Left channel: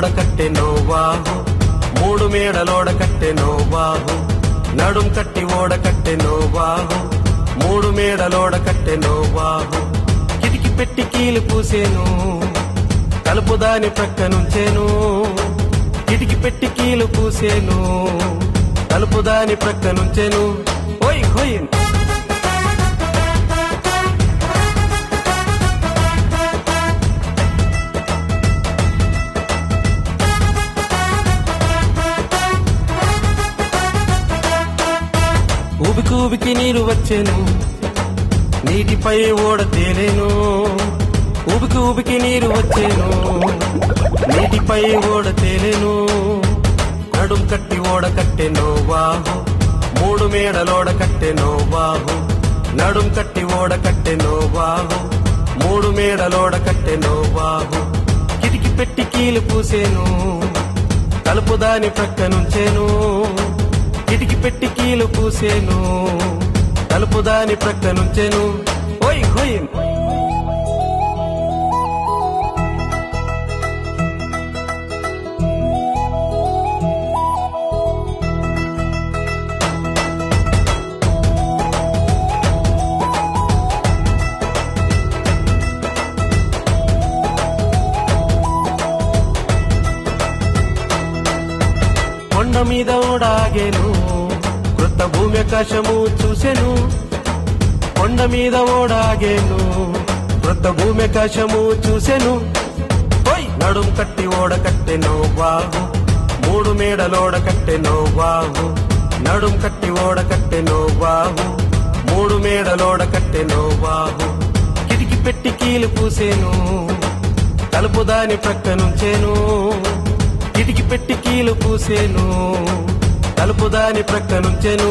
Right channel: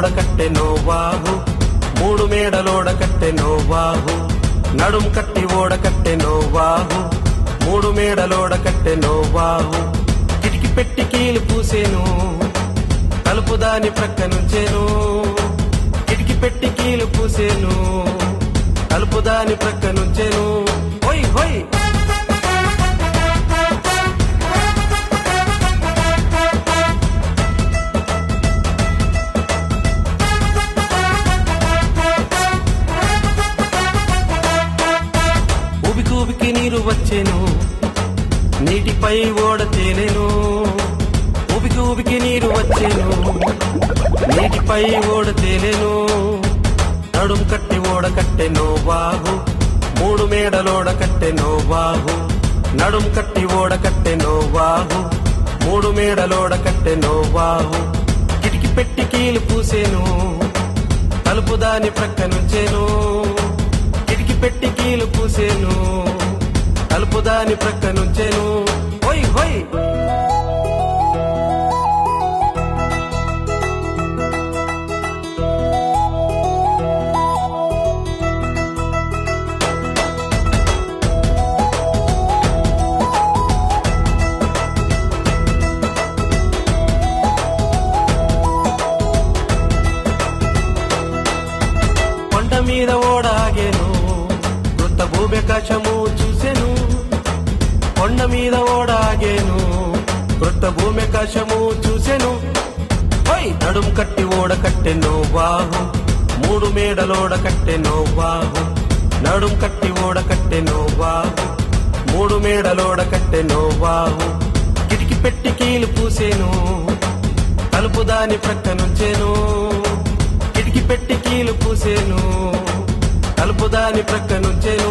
ఓడ కట్టెనో వాగు, మూడు మేడలోడ కట్టెనో వాగు, నడుం కట్టి ఓడ కట్టెనో వాగు, మూడు మేడలోడ కట్టెనో వాగు. కిటికి పెట్టి కీలు పూసేను, తలుపు దాని ప్రక్క నుంచేను. కిటికి పెట్టి కీలు పూసేను, తలుపు దాని ప్రక్క నుంచేను. హోయ్ హోయ్ ఊబికి నీరు వచ్చేను, నీటిపై ఓడ తేలేను. ఊబికి నీరు వచ్చేను, నీటిపై ఓడ తేలేను. నడుం కట్టి ఓడ కట్టెనో వాగు, మూడు మేడలోడ కట్టెనో వాగు, నడుం కట్టి ఓడ కట్టెనో వాగు, మూడు మేడలోడ కట్టెనో వాగు. కిటికి పెట్టి కీలు పూసేను, తలుపు దాని ప్రక్క నుంచేను. కిటికి పెట్టి కీలు పూసేను, తలుపు దాని ప్రక్క నుంచేను. హోయ్ హోయ్ కొండ మీద ఓడాగేను, కొత్త భూమి ఆకాశము చూసెను. కొండ మీద ఓడాగేను, కొత్త భూమి ఆకాశము చూసెను. పోయి నడుం కట్టి ఓడ కట్టెనో వాగు, మూడు మేడలోడ కట్టెనో వాగు, నడుం కట్టి ఓడ కట్టెనో వాగు, మూడు మేడలోడ కట్టెనో వాగు. కిటికి పెట్టి కీలు పూసేను, తలుపు దాని ప్రక్క నుంచేను. కిటికి పెట్టి కీలు పూసేను, తలుపు దాని ప్రక్క నుంచేను.